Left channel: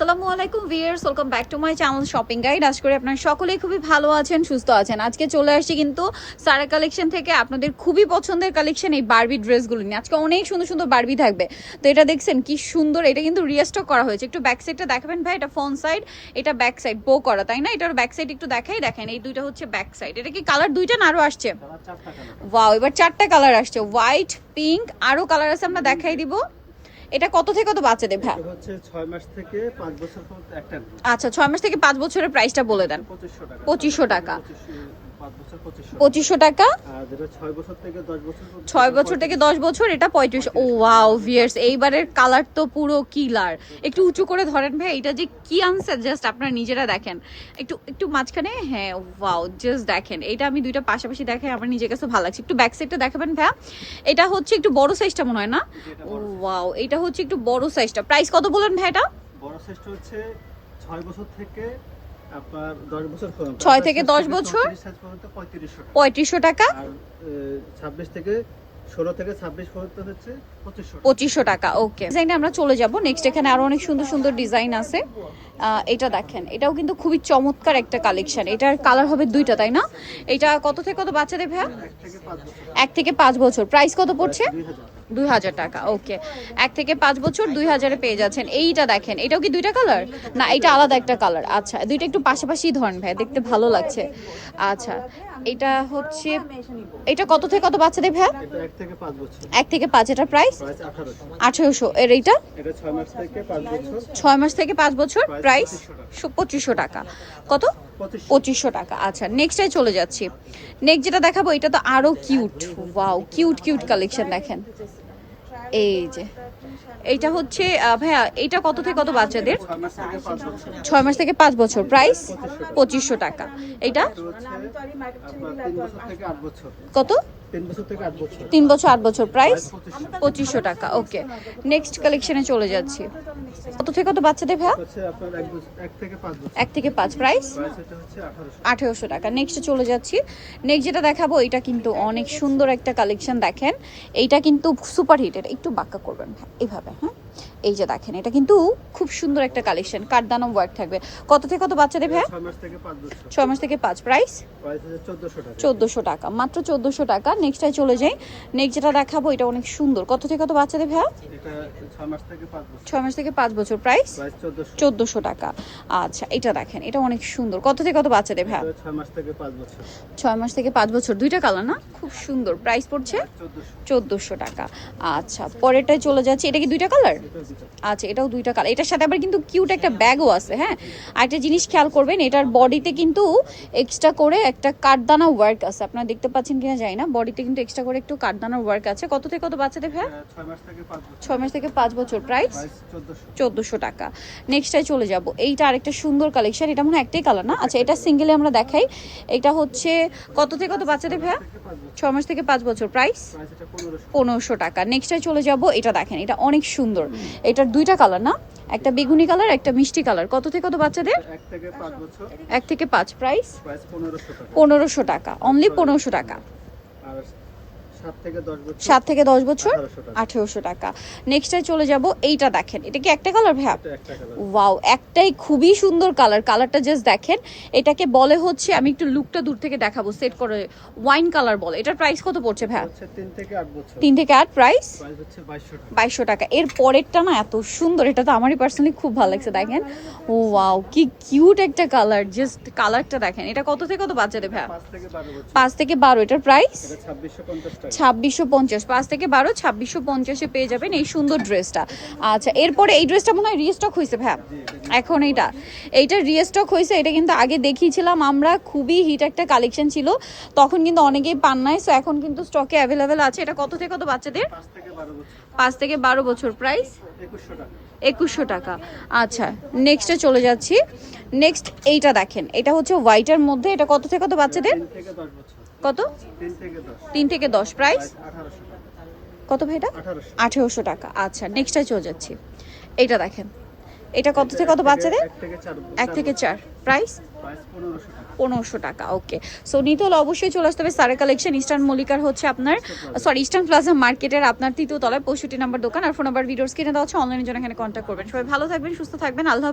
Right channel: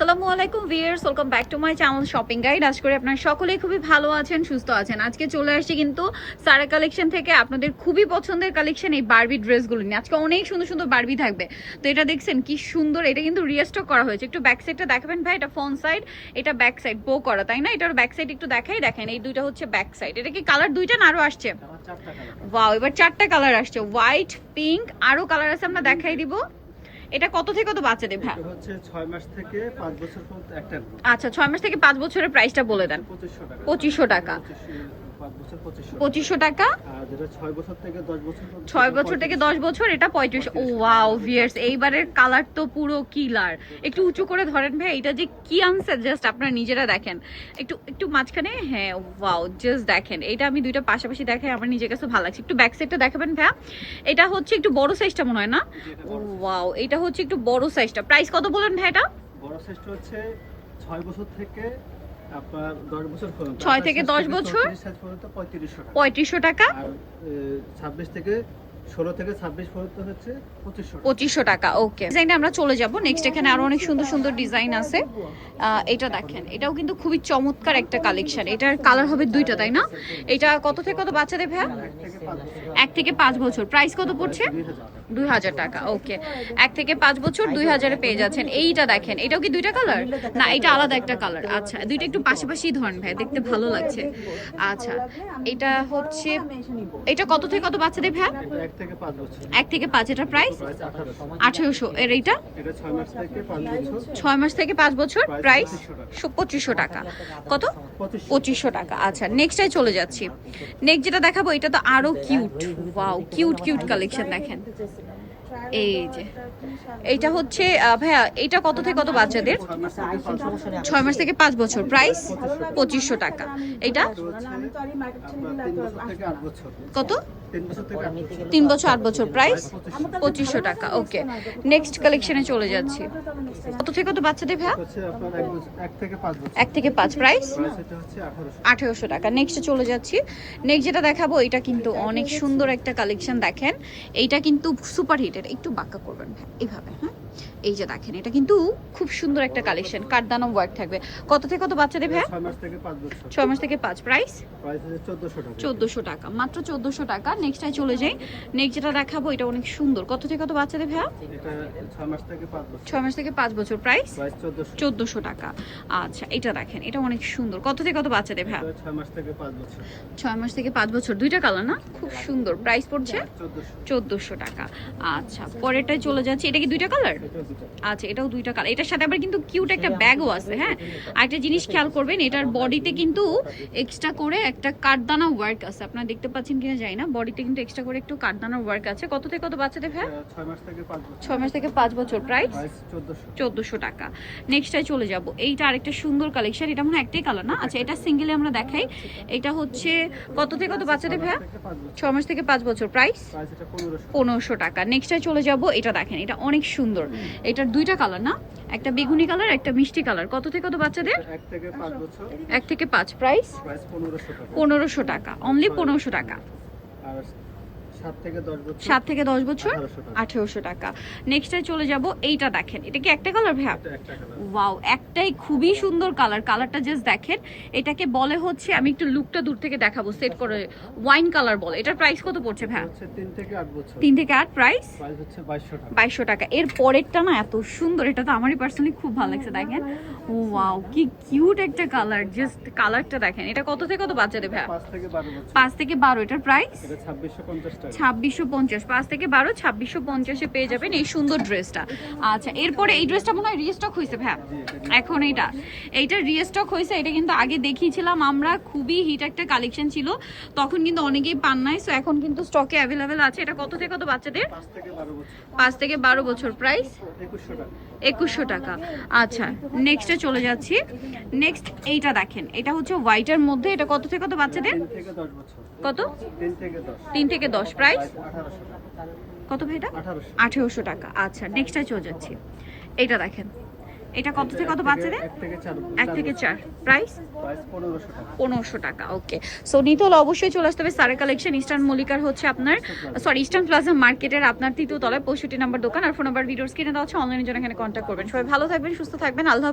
আসসালামু আলাইকুম viewers welcome back to my channel shopping guide. আজ করে আপনারা সকলেই খুবই ভালো আছেন সুস্থ আছেন। আজকে চলে আসছি কিন্তু সারা কালেকশন থেকে আপনাদের খুবই পছন্দের কালেকশন এই বারবি ড্রেসগুলো নিয়ে। আজকে অনেক সুন্দর সুন্দর বারবি থাকবে। তো এটা দেখছেন কি সুন্দর এটা কিন্তু রিস্টক করা হয়েছে। একটু ব্যাক সাইডটা দেখাবেন ভাই এটা ফ্রন্ট সাইড এটা ব্যাক সাইড বো করা তাই না? এটার ব্যাক সাইড একটু দেখাই দেখেন এই দুইটা হচ্ছে ব্যাক সাইড এটা কি কালার দুইটা না আরও আসছে? ওয়াও এবার চারটা কালার আসছে। হোয়াইট পিঙ্ক আরও কালার আছে আমরা দেখাই দিব। এটা কত থেকে কত বাচ্চাদের ভ্যান হচ্ছে 6 মাস থেকে 5 বছর পর্যন্ত একটা আচ্ছা ছয় মাস থেকে পাঁচ বছরের প্রাইসটা বলে দেন। 2500 টাকা। পঁচিশশো টাকা। পঁচিশশো- টাকা। ছয় বছর থেকে দশ বছর এটা পঁয়ত্রিশ ও ওয়াও ভিয়ার্স এইবারের কালার তো পুরো কিলার একটু উঁচু করে ধরেন ভাই এটা যে কি আনসার জাস্ট আপনারা নিজেরা দেখেন। একটু একটু মাঝখানে হ্যাঁ ওয়াও জাস্ট দেখেন। এটা আমি দুইটা পাশাপাশি দেখাই আমার নিজের কাছে ভালো লাগছে। একটু ব্যাক সাইডটা দেখাবেন ভাইয়া। এটা হচ্ছে একটু বড় সাইজটা মনে হয় না? ওয়াও এটা হচ্ছে একটু বড় সাইজটা প্রাইস কত বললেন ভাই এটা? বড় সাইজটা হচ্ছে ছয় বছর থেকে আপনার দশ বছর পর্যন্ত ছয় থেকে দশ বছর? পর্যন্ত পঁয়ত্রিশশো টাকা পঁয়ত্রিশশো টাকা আর ছাব্বিশ থেকে ষোলো থেকে ছাব্বিশ পর্যন্ত হচ্ছে পঁচিশশো টাকা। ওকে। ডিজাইনে আমরা চলে যাব। নেক্সট এখানে আরও অনেক সুন্দর সুন্দর ডিজাইন আছে। এটা দেখেন এটাও কিন্তু খুবই চমৎকার একটা কালেকশন এটার কালার হবে দুইটা তাই না? এটা কত থেকে কত বাচ্চাদের ভাইয়া? এক থেকে পাঁচ বছর। প্রাইস কত পড়ছে? দুই হাজার টাকা। ওকে। এক থেকে পাঁচ বছর দুই হাজারে পেয়ে যাচ্ছেন। এইটা দেখেন এটাও কি দুইটা কালার না এটা আলাদা একটা কালার আচ্ছা দুইটা একটু পাশাপাশি ধরেন ভাই দেখতে ভালো লাগছে। আচ্ছা এটা হচ্ছে এটা কত থেকে কত বাচ্চাদের এক থেকে পাঁচ বছর। এক থেকে পাঁচ এটার প্রাইস প্রাইস আঠারোশো। আঠেরোশো। এর এইটা? এটা ছয় মাস থেকে পাঁচ বছর। ছয় মাস থেকে পাঁচ বছর প্রাইস পঁচিশশো টাকা। কত? পঁচিশ পঁচিশশো টাকা। আচ্ছা নেক্সটে চলে যাচ্ছি। নেক্সট যেটা দেখাবো এটা তো আরও cute wow cute cute collection দেখেন। এই যে। এইটা হচ্ছে ভাইয়া এটা কত থেকে কত বাচ্চাদের? ছয় মাস থেকে পাঁচ বছর। প্রাইস পঁচিশশো টাকা। এইটা? এটা কত? তিন বছর আট বছর। প্রাইস পঁচিশশো টাকা ওকে। নেক্সট কালেকশনে চলে যাচ্ছি। কত থেকে কত বাচ্চাদের ভ্যা এক থেকে পাঁচ প্রাইস আঠারোশো। টাকা। নেক্সটে চলে যাচ্ছি। নেক্সট যেটা দেখাবো এটা কিন্তু অনেক সুন্দর একটা কালেকশন দেখেন। এইটা কিন্তু সুপার হিটের একটু বাক্কা করবেন এভাবে হ্যাঁ? এই যে দেখেন এটা কিন্তু খুব সুন্দর একটা কালেকশন কাঠদানো ওয়ার্ক থাকবে? কত থেকে কত বাচ্চাদের ভাইয়া ছয় মাস থেকে পাঁচ ছয় মাস থেকে পাঁচ। প্রাইস চোদ্দশো টাকা। মাত্র চোদ্দোশো টাকা। নেক্সটটাই চলে যাই। নেক্সট যেটা দেখাবো এটা অনেক সুন্দর। কত থেকে কত বাচ্চাদের ভাইয়া ছয় মাস থেকে পাঁচ বছর। প্রাইস চোদ্দোশো। টাকা। আচ্ছা এটা দেখেন এটা অনেক সুন্দর। কত থেকে কত বাচ্চাদের ভাইয়া ছয় মাস থেকে পাঁচ বছর। ছয় মাস থেকে পাঁচ বছর। দুইটা কালার না? খুব সুন্দর। প্রাইস পড়ছে? চোদ্দোশো। টাকা। আচ্ছা পরেরটায় চলে যাচ্ছে। এটা কি দুইটা কালার আচ্ছা এটাও দুইটা কালার। এটার সাথে আবার কিন্তু কিউট একটা ব্যাগও আছে হ্যাঁ? আরেকটা জিনিস খেয়াল করবেন এটার বডিতে কিন্তু এক্সট্রা করে একটা কাঠদানা ওয়ার্ক আছে। আপনারা দেখতে পাচ্ছেন কিনা জানি না বডিতে কিন্তু এক্সট্রা করে একটু কাঠদানার ওয়ার্ক আছে। কত থেকে কত বাচ্চাদের হ্যাঁ? ছয় মাস থেকে পাঁচ বছর। ছয় প্রাইস চোদ্দশো। টাকা। নেক্সটটায় চলে যাব। এইটা আরেকটা সুন্দর কালেকশন এটা মনে হয় একটাই কালার না? আচ্ছা এটা সিঙ্গেলে আমরা দেখাই। এটা হচ্ছে কত থেকে কত বাচ্চাদের ভাইয়া থেকে পাঁচ বছর ছ মাস থেকে পাঁচ বছর প্রাইস পনেরোশো। টাকা। নেক্সটে চলে যাব। এটা দেখেন এটা অনেক সুন্দর। এটার দুইটা কালার না একটা বেগুনি কালার একটা মিষ্টি কালার কত থেকে কত বাচ্চাদের? এক থেকে পাঁচ প্রাইস পনেরোশো টাকা। অনলি পনেরোশো টাকা। সাত থেকে দশ বছর? আঠারোশো টাকা। নেক্সটে চলে যাব এইটা দেখেন। এটা কি একটা কালার ভাইয়া? ওয়াও একটাই খুবই সুন্দর কালার কালারটা জাস্ট দেখেন। এটাকে বলে হচ্ছে আমি একটু লুকটা দূর থেকে দেখাবো সেট করে ওয়াইন কালার বলে। এটার প্রাইস কত পড়ছে ভাইয়া? তিন থেকে আট প্রাইস বাইশশো টাকা। এর পরেরটা না এত সুন্দর এটা তো আমারই পার্সোনালি খুব ভালো লাগছে দেখেন। ও ওয়াও কি কিউট একটা কালার জাস্ট কালারটা দেখেন। এটা কত থেকে কত বাচ্চাদের ভাইয়া? পাঁচ থেকে বারো এটার প্রাইস ছাব্বিশশো পঞ্চাশ টাকা। ছাব্বিশশো পঞ্চাশ। পাঁচ থেকে বারো ছাব্বিশশো পঞ্চাশে পেয়ে যাবেন এই সুন্দর ড্রেসটা। আচ্ছা এরপরে এই ড্রেসটা মনে হয় রিস্টক হয়েছে ভাইয়া এখন এইটা। এইটা রিস্টক হয়েছে এটা কিন্তু আগে দেখিয়েছিলাম আমরা খুবই হিট একটা কালেকশন ছিল। তখন কিন্তু অনেকেই পান নাই সো এখন কিন্তু স্টকে অ্যাভেলেবেল আছে। এটা কত থেকে কত বাচ্চাদের? পাঁচ থেকে বারো বছর। প্রাইস একুশশো টাকা। আচ্ছা নেক্সটে চলে যাচ্ছি। নেক্সট এইটা দেখেন। এটা হচ্ছে হোয়াইটের মধ্যে। এটা কত থেকে কত বাচ্চাদের? কত? তিন থেকে দশ। প্রাইস? কত ভাইটা আঠারোশো। আঠেরোশো টাকা। আচ্ছা নেক্সটে চলে যাচ্ছি। এইটা দেখেন। এটা কত থেকে কত বাচ্চাদের? এক থেকে চার প্রাইস? পনেরোশো টাকা। ওকে সো নিতে হলে অবশ্যই চলে আসতে হবে। সারা কালেকশন ইস্টার্ন মল্লিকার হচ্ছে আপনার সরি ইস্টার্ন প্লাজা মার্কেটের আপনার তৃতীয় তলায় পঁয়ষট্টি নাম্বার দোকান। আর ফোন নাম্বার ভিডিওস কিনে দেওয়া হচ্ছে অনলাইনের জন্য এখানে কন্ট্যাক্ট করবেন। সবাই ভালো থাকবেন সুস্থ থাকবেন। আল্লাহ